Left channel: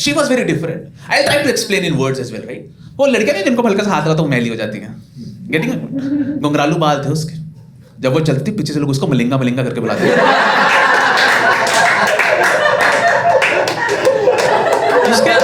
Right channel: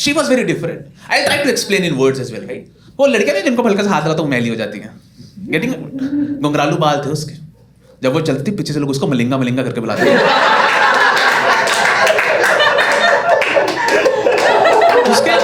She was very different. I try to explain in words as well, right. वो लड़कियां नहीं जिनको हल्का सा हाथ लगाता हूँ मैली हो जाती हैं. गेटिंग घुंघरालू बाल थे उसके. जब वो चलती पीछे से लोग उसको मलिंगा मलिंगा करके बुलाते थे. उसके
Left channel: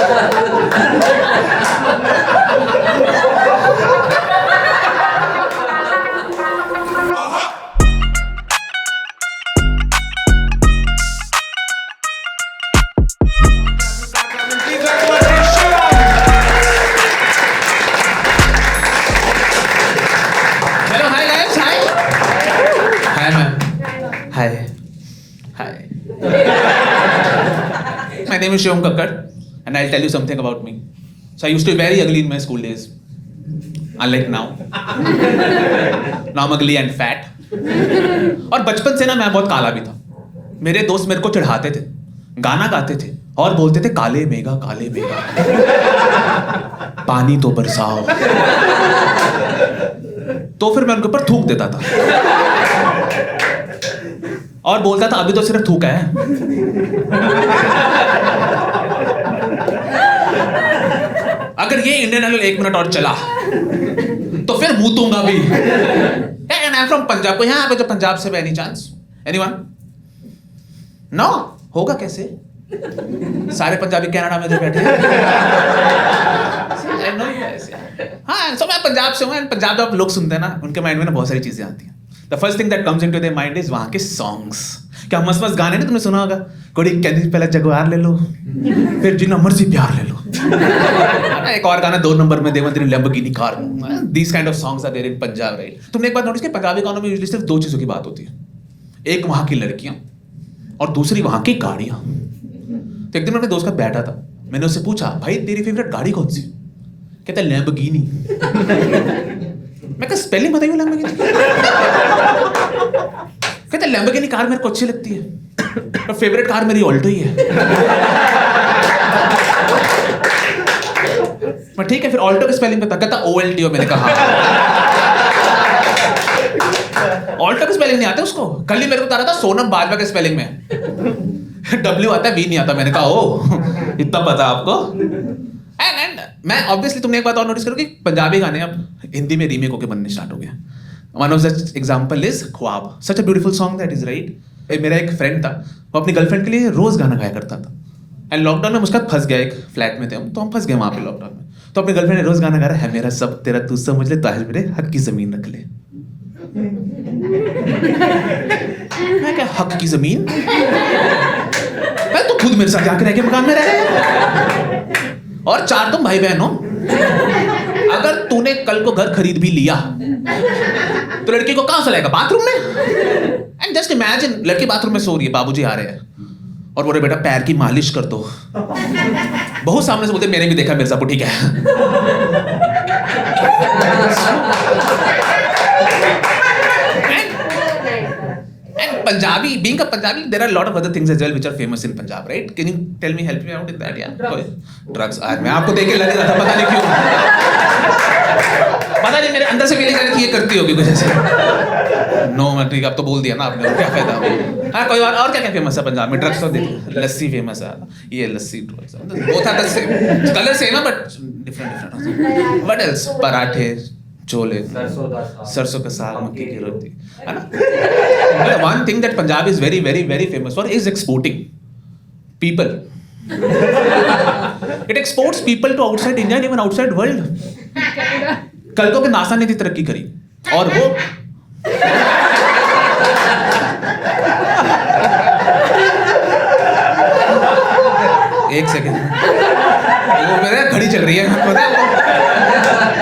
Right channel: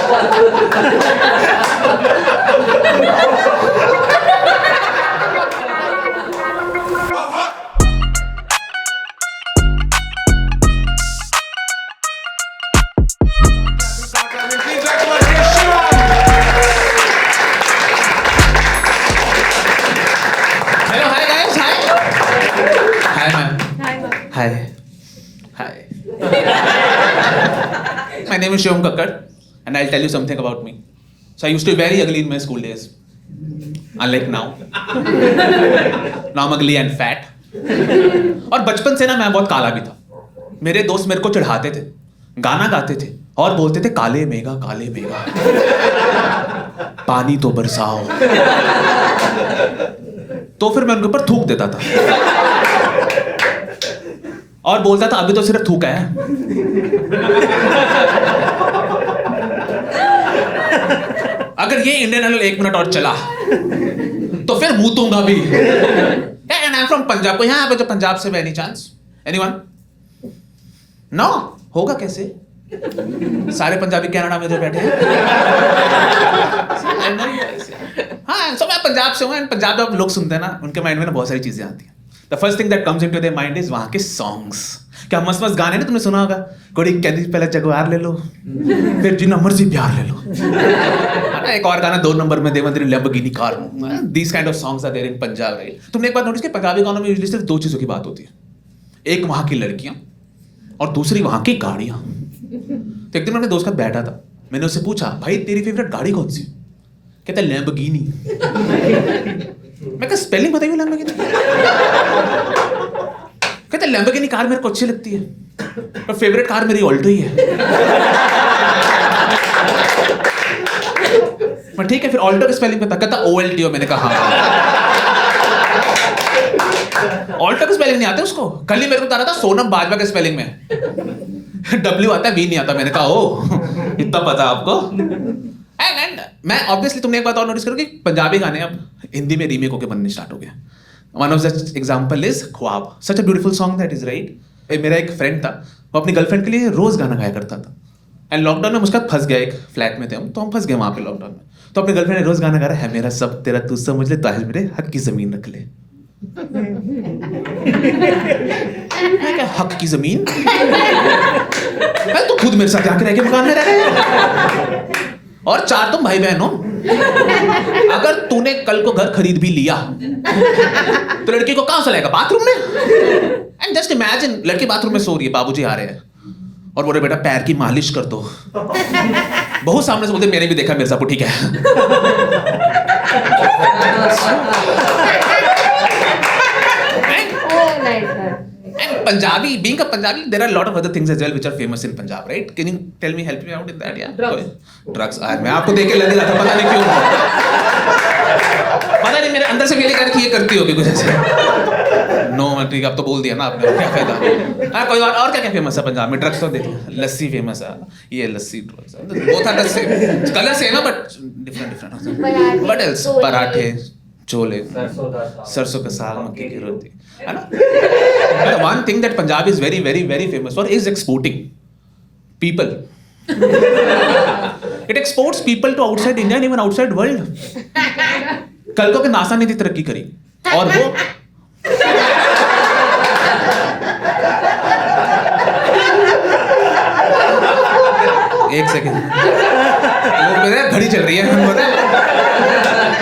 hello, hi guys, hi. Hi ma'am. Hi. Hi. My name is Shivam Kakkad, and I'll tell you something about me. So I used to be very ugly in my school days, unlike now. Now I'm ugly and fat. और बचपन से ना मैं बहुत काला भी था. मेरे दोस्त मेरे को चिढ़ाते थे, गाना गाते थे और बोलते थे काले मेघा पानी तो बरसाओ. तो फिर मैं उनके ऊपर थूक देता था और बोलता था अभी तो सिर्फ थूका है. अगर ये इंडियन आइडल 1 मिनट और चला तो फिर मूतूंगा भी. And I am from Punjab. को यहाँ पे जो पंजाब से एनी चांस? एनीवन? नो. होगा कैसे? सारे पंजाबी कनाडा में जो बैठे हैं. हाँ, सो मैं पंजाब से हूँ. एंड पंजाब जब लोग सुनते हैं ना, उनके माइंड में ना बहुत सारी चीजें आती हैं. The first thing that comes into their mind is वहाँ के सॉन्ग्स. क्या मस्त मस्त गाने ना तुमने सुना होगा. कोई कहती पहले जगवार ले लो, फिर जितना मर्जी प्यार ले लो. एक और गाना 2 नंबर में देवंतरी Lamborghini car. These kind of songs are there in Punjab, right. तुमने एक बात नोटिस की, पंजाबी गानों में यूजुअली सिर्फ 2 चीजों की बात होती है. एक वहाँ की लड़कियां और दूसरी वहाँ की गाड़ियां. तो एक दिन मैं अपने दोस्त के साथ बैठा था. मैंने उससे पूछा, भाई तेरी फेवरेट गाड़ी कौन सी? कहता है लैम्बोर्गिनी. मैं कहा स्पेलिंग बताइए लैम्बोर्गिनी. कहता है लैम्बोर्गिनी कार मेरे को अच्छी लगती है, पर फेवरेट कार मेरी ऑल्टो ही है. मैं ठीक है, फिर ऑल्टो की स्पेलिंग बता. कहता OLTO. मैंने कहा ऑल्टो की स्पेलिंग नहीं आती उसको. कल ही मेरे को बता रहा था सोनम बाजवा के स्पेलिंग में W आता है, V नहीं आता. मैंने कहा ओ इतना पता आपको. एंड मैं ऑब्वियसली तुमने एक बात और नोटिस करो कि पंजाबी गाने अब हिंदी में रीमेक होकर बनने स्टार्ट हो गए. One of such example is Khaab. Such a beautiful song that is, right. मेरा एक फ्रेंड था, वो अपनी गर्लफ्रेंड के लिए रोज गाना गाया करता था. एंड लॉकडाउन में मुझका फंस गया. एक फ्लैट में थे हम, तो हम फंस गए वहाँ पे लॉकडाउन में. तो अपनी गर्लफ्रेंड ने रोज गाना गा रहा है मेरा सब तेरा तू समझ ले, ताज मेरे हक की जमीन रख ले. मैं क्या हक की जमीन? तो खुद मेरे साथ जाके रह के मकान में रह गया. और 4 तुम भाई बहन हो. अगर तूने कल को घर खरीद भी लिया तो लड़की को कहां से लाएगा? बाथरूम में. एंड जस्ट इमेजिन, लड़की बाथरूम में सो रही है, बाबूजी आ रहे हैं और बोले बेटा पैर की मालिश कर दो. बहुत सामने से बोलते मैंने भी देखा मिर्जापुर, ठीक है. And Punjabi, being a Punjabi, there are a lot of other things as well which are famous in Punjab, right? Can you tell me, help me out in that? Yeah. Drugs. आज मैं आपको देख के लग रहा था, पता नहीं क्यों. पता नहीं मेरे अंदर से फीलिंग आ रही थी ये करती होगी कुछ ऐसे. नो मैं ठीक, अब तो बोल दिया ना आपने, क्या फायदा. हाँ कोई बात. और क्या क्या फेमस है पंजाब में? ड्रग्स तो देखिए, लस्सी फेमस है. ये lassi drugs both are the same. Colour same है बट डिफरेंट. What else? पराठे, छोले, सरसों का साग, मक्की की रोटी, है ना. The one thing that Punjab is very, very, very famous for is exporting people. It exports people to outside India and even outside world. कल को कि नासा ने थी तरक्की करी और वो एक सेकेंड, वो मेरे घड़ी चल रही है, पता है आपको.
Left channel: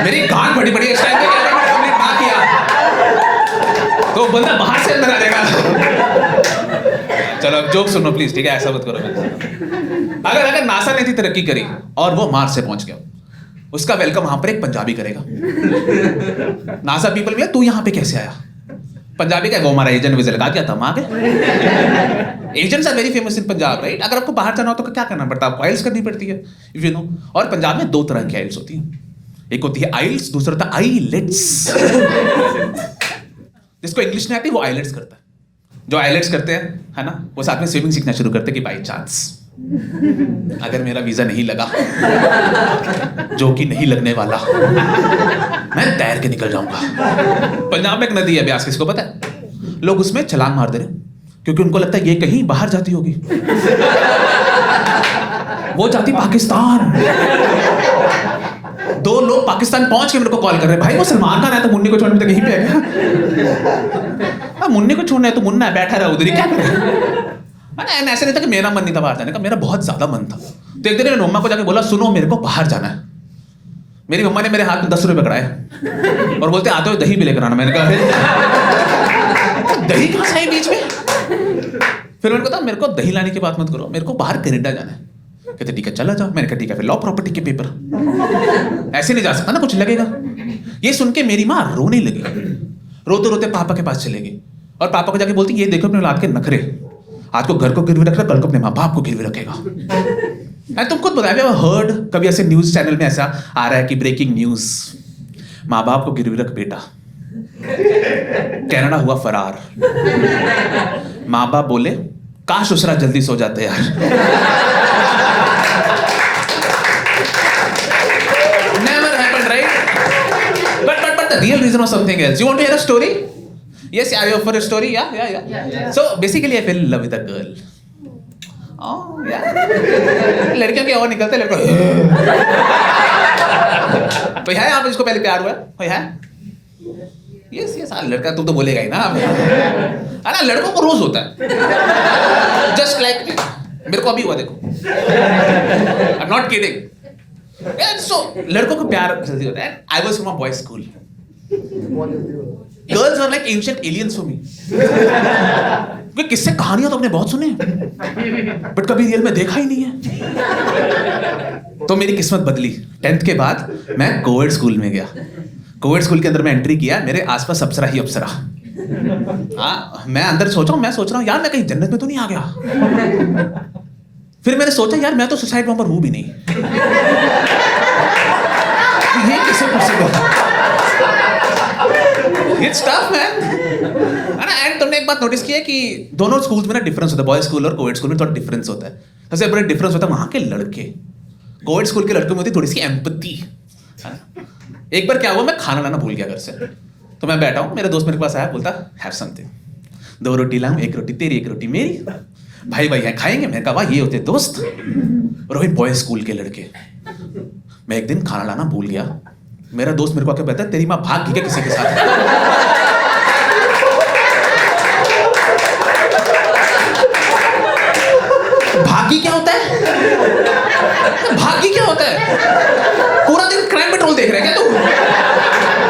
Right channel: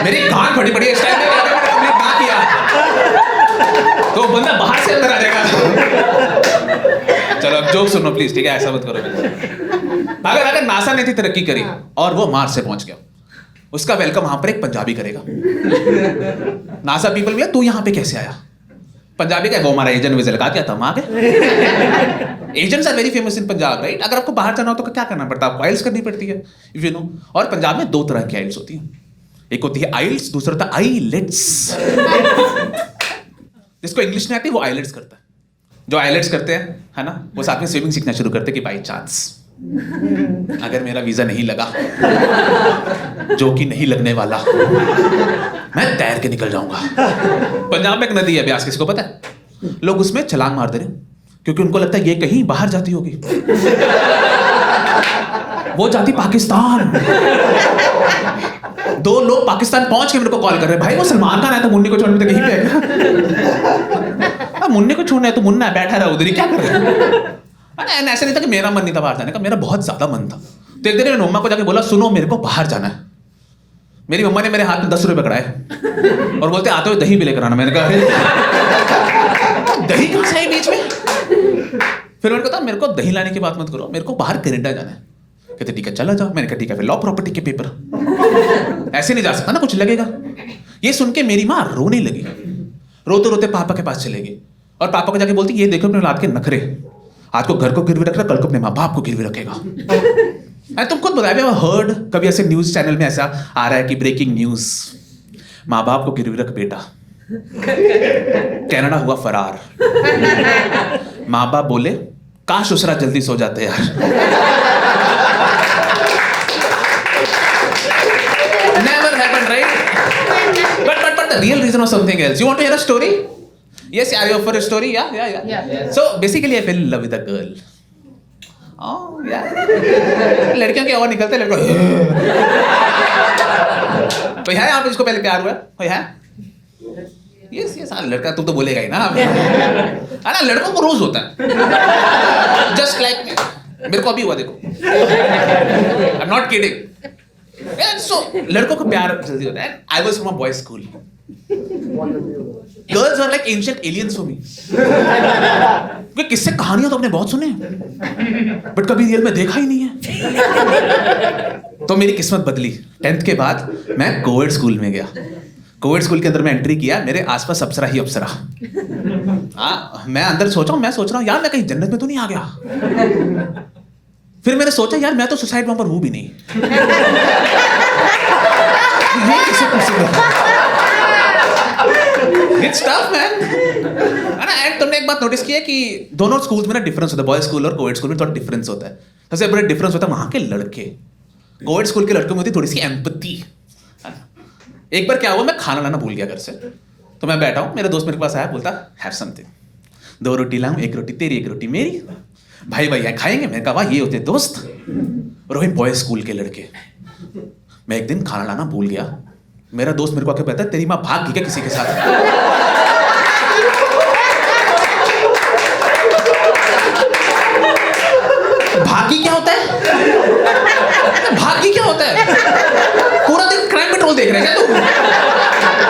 मेरी गांठ फटी पड़ी है इस टाइम पे. अगर मैंने कंप्लीट ना किया तो बंदा बाहर से अंदर आ जाएगा. चलो अब जोक सुनो प्लीज, ठीक है. ऐसा मत करो. अगर नासा ने थी तरक्की करी और वो मार्स से पहुंच गया, उसका वेलकम वहां पर एक पंजाबी करेगा. नासा पीपल भी, तू यहां पे कैसे आया? पंजाबी का वो हमारा एजेंट वीजा लगा के आता, हम आ गए. Agents are very famous in Punjab, right. अगर आपको बाहर जाना हो तो क्या करना पड़ता है? आपको आइल्स करनी पड़ती है, इफ यू नो. और पंजाब में 2 तरह की आइल्स होती हैं. एक होती है आइल्स, दूसरा होता है आईलेट्स. जिसको इंग्लिश नहीं आती वो आईलेट्स करता है. जो आईलेट्स करते हैं, है ना, वो साथ में स्विमिंग सीखना शुरू करते हैं कि बाई चांस अगर मेरा वीजा नहीं लगा, जो कि नहीं लगने वाला, मैं तैर के निकल जाऊंगा। पंजाब में एक नदी है ब्यास, किसी को पता है? लोग उसमें छलांग मार दे रहे क्योंकि उनको लगता है ये कहीं बाहर जाती होगी। वो जाती पाकिस्तान। 2 लोग पाकिस्तान पहुंच के मेरे को कॉल कर रहे हैं, भाई वो सलमान खान आया था, मुन्नी को छोड़ने तक यहीं पे है क्या? मुन्नी को छोड़ना है तो मुन्ना बैठा रहा उधर ही, क्या कर रहे हैं? ऐसा नहीं था कि मेरा मन नहीं था बाहर जाने का, मेरा बहुत ज्यादा मन था। तो एक दिन मैंने मम्मा को जाके बोला, सुनो मेरे को बाहर जाना है। मेरी मम्मा ने मेरे हाथ में 10 रुपए पकड़ाए और बोलते आते हुए दही भी लेकर आना। मैंने कहा दही कहां से आई बीच में? फिर मैंने कहा मेरे को दही लाने की बात मत करो, मेरे को बाहर कनाडा जाना है। कहते ठीक है चला जाओ। मैंने कहा ठीक है, फिर लॉ प्रॉपर्टी के पेपर, ऐसे नहीं जा सकता ना, कुछ लगेगा। ये सुन के मेरी माँ रोने लगी, रोते रोते पापा के पास चले गई और पापा को जाके बोलती ये देखो अपने औलाद के नखरे, आज को घर को गिरवी रख रहा, कल को अपने माँ बाप को गिरवी रखेगा। तुम खुद बताया, हर्ड कभी ऐसे न्यूज चैनल में ऐसा आ रहा है कि ब्रेकिंग न्यूज, माँ बाप को गिरवी रख बेटा, कनाडा हुआ फरार। माँ बाप बोले काश उसरा जल्दी सो जाते यार। Never happened, right? But the real reason was something else. You want to hear a story? Yes, are you up for a story? Yeah. So basically, I fell in love with a girl. Oh, yeah. लड़कियों के और निकलते लड़कों। तो है यहाँ पे जिसको पहले प्यार हुआ? कोई है? Yes. लड़का तुम तो बोलेगा ही ना। ना लड़कों को रोज होता है। Just like me. मेरे को अभी हुआ देखो। I'm not kidding. So लड़कों को प्यार जल्दी होता है। I was from a boys' school. Girls were like ancient aliens for me. क्योंकि किससे कहानियां तो आपने बहुत सुने, बट कभी रियल में देखा ही नहीं है। तो मेरी किस्मत बदली। 10th के बाद मैं कोविड स्कूल में गया। कोविड स्कूल के अंदर मैं एंट्री किया, मेरे आसपास अप्सरा ही अप्सरा। हाँ, मैं अंदर सोच रहा हूँ यार मैं कहीं जन्नत में तो नहीं आ गया। फिर मैंने सोचा यार मैं तो सुसाइड बॉम्बर हूँ भी नहीं, ये कैसे possible? It's tough, man. And तुमने एक बात नोटिस की है कि दोनों स्कूल्स में ना डिफरेंस होता है, बॉयज स्कूल और कोविड स्कूल में थोड़ा डिफरेंस होता है। सबसे बड़ा डिफरेंस होता है वहां के लड़के। कोविड स्कूल के लड़कों में होती थोड़ी सी एम्पैथी, है ना। एक बार क्या हुआ, मैं खाना लाना भूल गया घर से, तो मैं बैठा हूँ, मेरा दोस्त मेरे पास आया, बोलता हैव समथिंग, 2 रोटी लाऊं, 1 रोटी तेरी 1 रोटी मेरी, भाई भाई खाएंगे। मैंने कहा वाह ये होते दोस्त। रोहित बॉयज स्कूल के लड़के। मैं एक दिन खाना लाना भूल गया, मेरा दोस्त मेरे को आके कहता है तेरी माँ भाग गई क्या किसी के साथ? भागी क्या होता है? भागी क्या होता है? पूरा दिन क्राइम पेट्रोल देख रहे हैं क्या तू?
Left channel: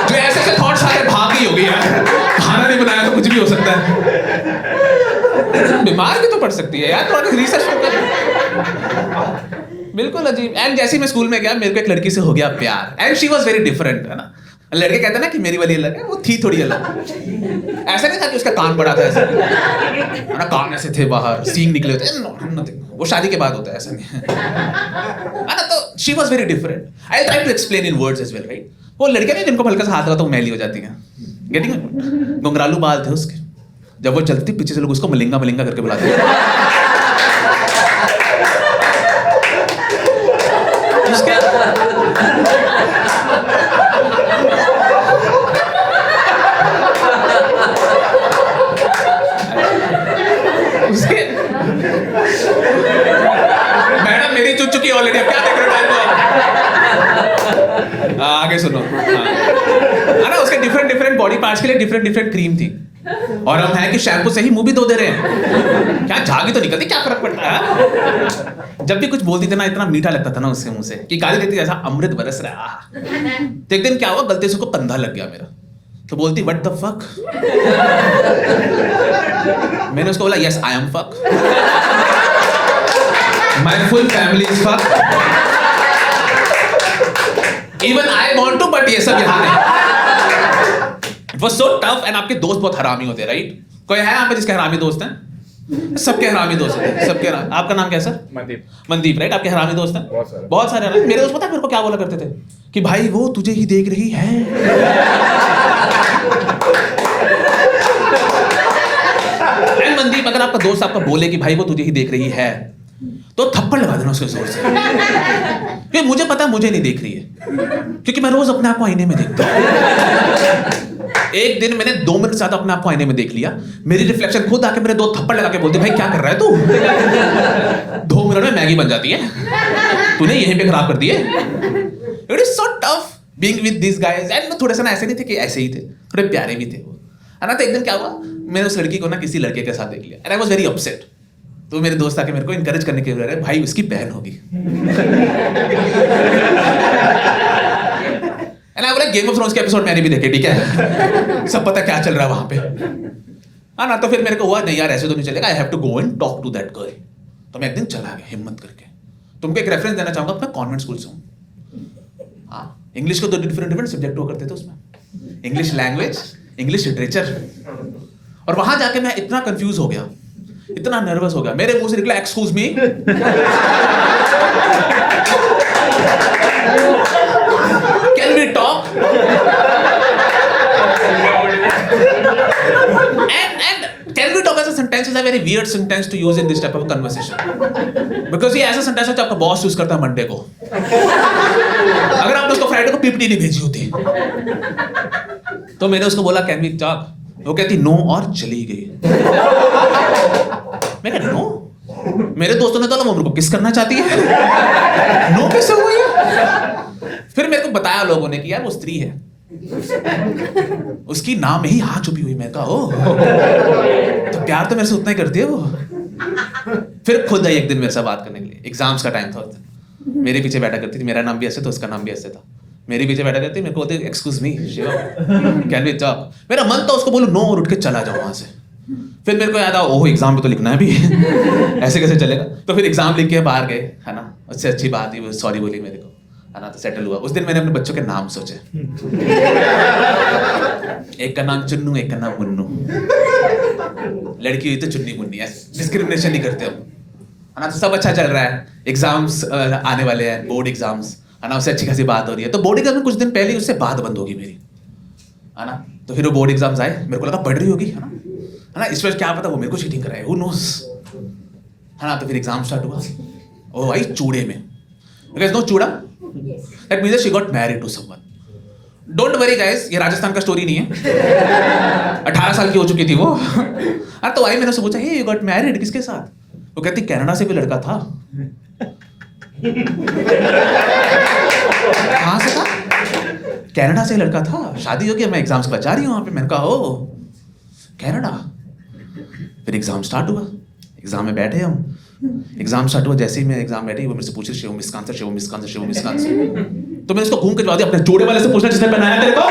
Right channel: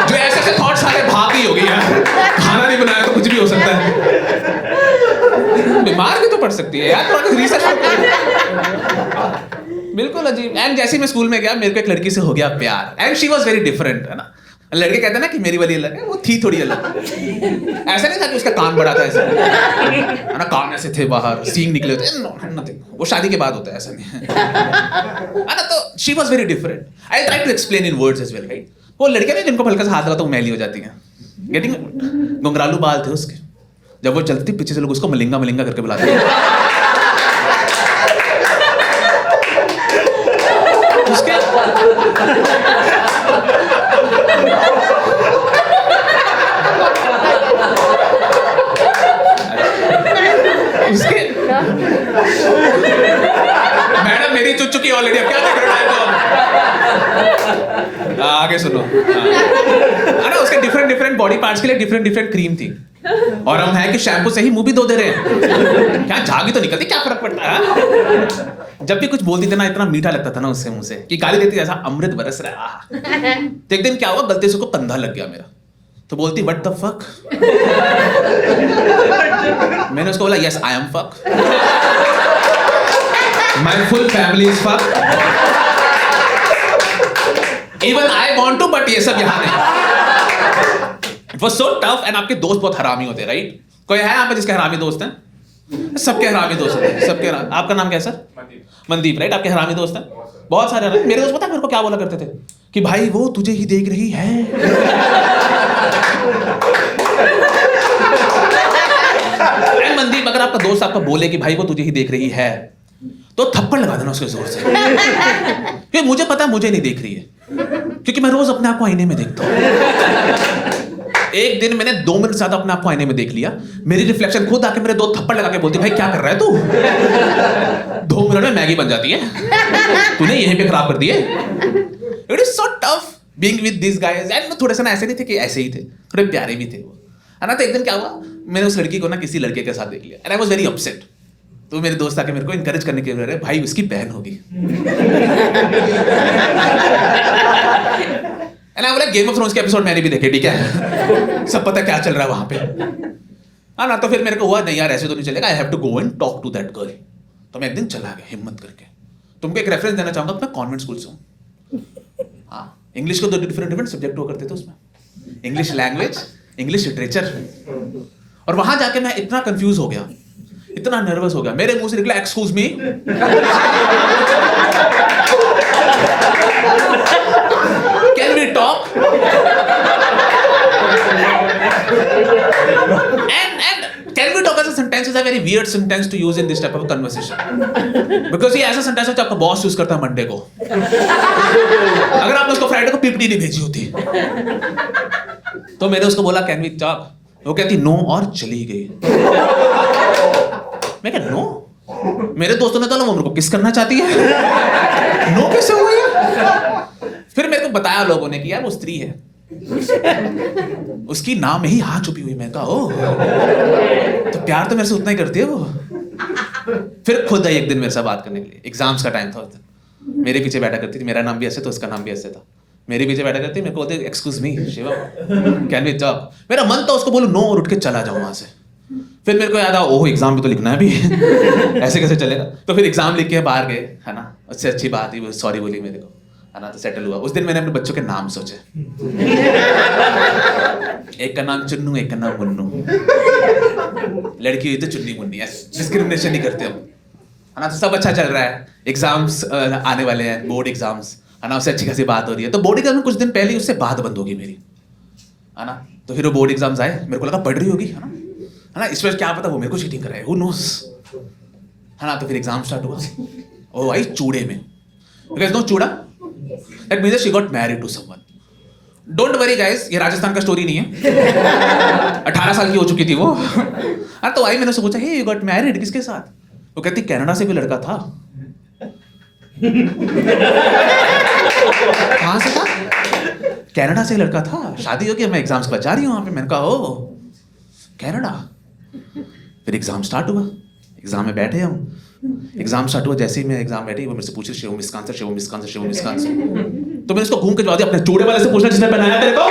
जो ऐसे ऐसे थॉट्स आ रहे हैं, भाग गई होगी यार, खाना नहीं बनाया तो कुछ भी हो सकता है, बीमार भी तो पड़ सकती है यार, थोड़ा रिसर्च तो कर। बिल्कुल अजीब। एंड जैसे मैं स्कूल में गया, मेरे को एक लड़की से हो गया प्यार, and she was very different, है ना। लड़के कहते हैं ना कि मेरी वाली अलग है, वो थी थोड़ी अलग। ऐसा नहीं था कि उसका कान बड़ा था, ऐसा है ना, कान ऐसे थे बाहर, सींग निकले होते, नथिंग, वो शादी के बाद होता है, ऐसा नहीं है ना। तो she was very different. I try to explain in words as well, right. वो लड़कियां नहीं जिनको हल्का सा हाथ लगा तो वो मैली हो जाती हैं, गेटिंग। घुंघरालू बाल थे उसके, जब वो चलती पीछे से लोग उसको मलिंगा मलिंगा करके बुलाते थे। उसके उसके मैडम मेरी चुच चुकी ऑलरेडी, अब क्या देख रहे हो टाइम को? आगे सुनो। है ना, उसके डिफरेंट बॉडी पार्ट्स के लिए डिफरेंट क्रीम थी, और हम है कि शैम्पू से ही मुंह भी धो दे रहे हैं, क्या झागी तो निकलती, क्या फर्क पड़ता है? जब भी कुछ बोलती थी ना, इतना मीठा लगता था ना उसके मुंह से कि गाली देती जैसा अमृत बरस रहा है। तो एक दिन क्या हुआ, गलती से उसको कंधा लग गया मेरा, तो बोलती व्हाट द फक। मैंने उसको बोला yes I am fuck, my full family is fuck, even I want to, but ये सब यहाँ नहीं। It was so tough. And आपके दोस्त बहुत हरामी होते हैं, राइट? कोई है यहाँ पे जिसके हरामी दोस्त हैं? सबके हरामी दोस्त होते हैं, सबके। आपका नाम क्या है सर? मनदीप, राइट? आपके हरामी दोस्त हैं? बहुत सारे हरामी। मेरे दोस्त पता है मेरे को क्या बोला करते थे कि भाई वो तुझे ही देख रही है। मनदीप, अगर आपका दोस्त आपका बोले कि भाई वो तुझे ही देख रही है, तो थप्पड़ लगा देना उसके जोर से, क्योंकि मुझे पता है मुझे नहीं देख रही है, क्योंकि मैं रोज अपने आप को आईने में देखता हूँ। एक दिन मैंने 2 मिनट ज्यादा अपने आप को आईने में देख लिया, मेरी रिफ्लेक्शन खुद आके मेरे 2 थप्पड़ लगा के बोलती, भाई क्या कर रहा है तू, 2 मिनट में मैगी बन जाती है, तूने यहीं पे खराब कर दिए। It is so tough being with this guys. And थोड़े से ना ऐसे नहीं थे कि ऐसे ही थे, थोड़े प्यारे भी थे वो, है ना। तो एक दिन क्या हुआ, मैंने उस लड़की को ना किसी लड़के के साथ देख लिया, and I was very upset. तो मेरे दोस्त आके मेरे को इनकरेज करने के लिए, भाई उसकी बहन होगी। एंड आई बोला गेम ऑफ थ्रोन्स के एपिसोड मैंने भी देखे, ठीक है, सब पता क्या चल रहा है वहां पे, हाँ ना। तो फिर मेरे को हुआ नहीं यार ऐसे तो नहीं चलेगा, I have to go and talk to that girl. तो मैं एक दिन चला गया हिम्मत करके। तुमको एक रेफरेंस देना चाहूंगा, मैं कॉन्वेंट स्कूल से हूँ। हाँ, इंग्लिश को 2 डिफरेंट सब्जेक्ट हुआ करते थे उसमें, इंग्लिश लैंग्वेज, इंग्लिश लिटरेचर। और वहां जाके मैं इतना कंफ्यूज हो गया, इतना नर्वस हो गया, मेरे मुंह से निकला excuse me, can we talk, and can we talk as a sentence is a very weird sentence to use in this type of conversation, because ये ऐसा सेंटेंस है जो आपका बॉस यूज करता है मंडे को, अगर आपने उसको फ्राइडे को पीपीटी नहीं भेजी होती। तो मैंने उसको बोला कैन वी टॉक, वो कहती नो और चली गई। मैं कहा नो, मेरे दोस्तों ने तो वो मेरे को किस करना चाहती है, नो कैसे हुई है। फिर मेरे को बताया लोगों ने कि यार वो स्त्री है, उसकी नाम में ही हाँ छुपी हुई। मैं कहा ओह, तो प्यार तो मेरे से उतना ही करती है वो। फिर खुद आई एक दिन मेरे से बात करने के लिए, एग्जाम्स का टाइम था उस दिन, मेरे पीछे बैठा करती थी, मेरा नाम भी ऐसे था, उसका नाम भी ऐसे था, मेरे पीछे बैठा करती, मेरे को बोलते excuse me Shivam can we talk. मेरा मन था उसको बोलूं नो और उठ के चला जाऊं वहां से। फिर मेरे को याद आया ओह एग्जाम भी तो लिखना है भी, ऐसे कैसे चलेगा। तो फिर एग्जाम लिख के बाहर गए, है ना, उससे अच्छी बात ही वो सॉरी बोली मेरे को, है ना, तो सेटल हुआ। उस दिन मैंने अपने बच्चों के नाम सोचे, एक का नाम चुन्नू, एक का नाम मुन्नू, लड़की हुई तो चुन्नी मुन्नी, डिस्क्रिमिनेशन नहीं करते हम, है ना। तो सब अच्छा चल रहा है, एग्जाम्स आने वाले हैं, बोर्ड एग्जाम्स, है ना, उससे अच्छी खासी बात हो रही है। तो बोर्ड एग्जाम में कुछ दिन पहले ही उससे बात बंद होगी मेरी, है ना। तो फिर वो बोर्ड एग्जाम्स आए, मेरे को लगा पढ़ रही होगी, है ना, इस वजह क्या पता वो मेरे को चीटिंग कराए, हु नोस, है ना। तो फिर एग्जाम स्टार्ट हुआ, ओ भाई चूड़े में, बिकॉज नो चूड़ा, that means she got married to someone. Don't worry guys, ये राजस्थान का स्टोरी नहीं है, 18 साल की हो चुकी थी वो। अरे तो आई मैंने उससे पूछा हे यू गॉट मैरिड, किसके साथ? वो कहती कनाडा से कोई लड़का था। कहाँ से था? कनाडा से लड़का था, शादी हो गई, मैं एग्जाम्स के बाद जा रही हूँ वहाँ पे। मैंने कहा ओ कनाडा। फिर एग्जाम स्टार्ट हुआ, एग्जाम में बैठे हम, एग्जाम स्टार्ट हुआ, जैसे ही मैं एग्जाम बैठी वो मेरे से पूछ रही शिवम इसका आंसर, शिवम इसका आंसर, शिवम इसका आंसर। तो मैंने उसको घूम के जवाब दिया, अपने जोड़े वाले से पूछना जिसने पहनाया तेरे को,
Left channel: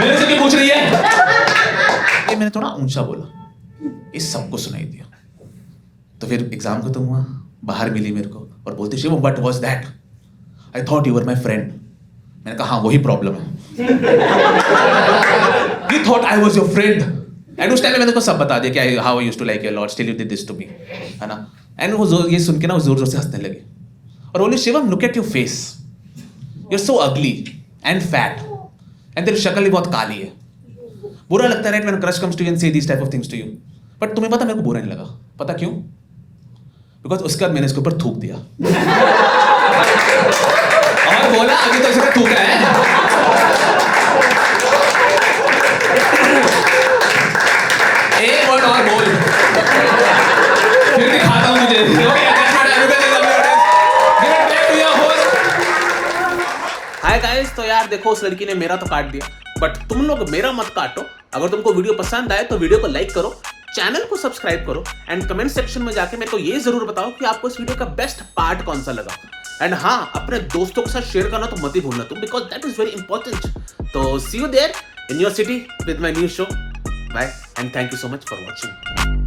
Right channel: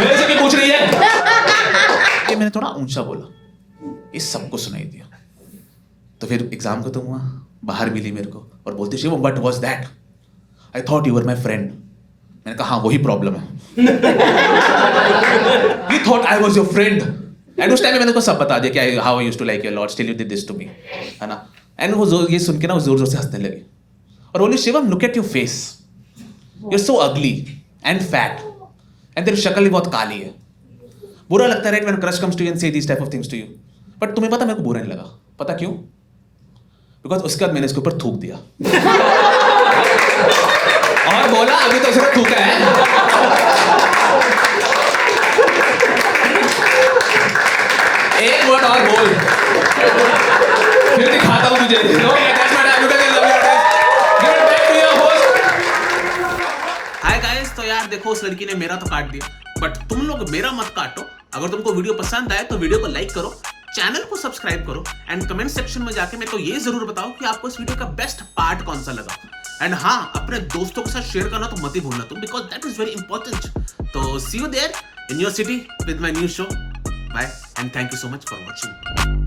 मेरे से क्यों पूछ रही है। ये मैंने थोड़ा ऊंचा बोला, इस सबको सुनाई दिया। तो फिर एग्जाम खत्म हुआ, बाहर मिली मेरे को और बोलती Shivam what was that, I thought you were my friend. मैंने कहा हाँ वही प्रॉब्लम है, you thought I was your friend. And उस टाइम में मैंने उसको सब बता दिया कि how I used to like you lot, still you did this to me, है ना। एंड वो ये सुन के ना जोर जोर से हंसने लगी और बोली Shivam look at your face, you are so ugly and fat and तेरी शक्ल भी बहुत काली है। बुरा लगता है right when crush comes to you and say this type of things to you, but तुम्हें पता मेरे को बुरा नहीं लगा, पता क्यों? बिकॉज उसके बाद मैंने इसके ऊपर थूक दिया और बोला अभी तो सिर्फ थूका है, एक वर्ड और बोल फिर दिखाता हूं तुझे। Okay, that's my time. You guys love your audience. Give it back to your host. Hi guys, तो यार देखो उस लड़की ने मेरा तो काट दिया, बट तुम लोग मेरा मत काटो। अगर तुमको वीडियो पसंद आए तो वीडियो को लाइक करो, चैनल को सब्सक्राइब करो एंड कमेंट सेक्शन में जाके मेरे को ये जरूर बताओ कि आपको इस वीडियो का बेस्ट पार्ट कौन सा लगा। एंड हाँ, अपने दोस्तों के साथ शेयर करना तो मत ही भूलना तुम, because that is very important. तो see you there in your city with my new show. Bye and thank you so much for watching.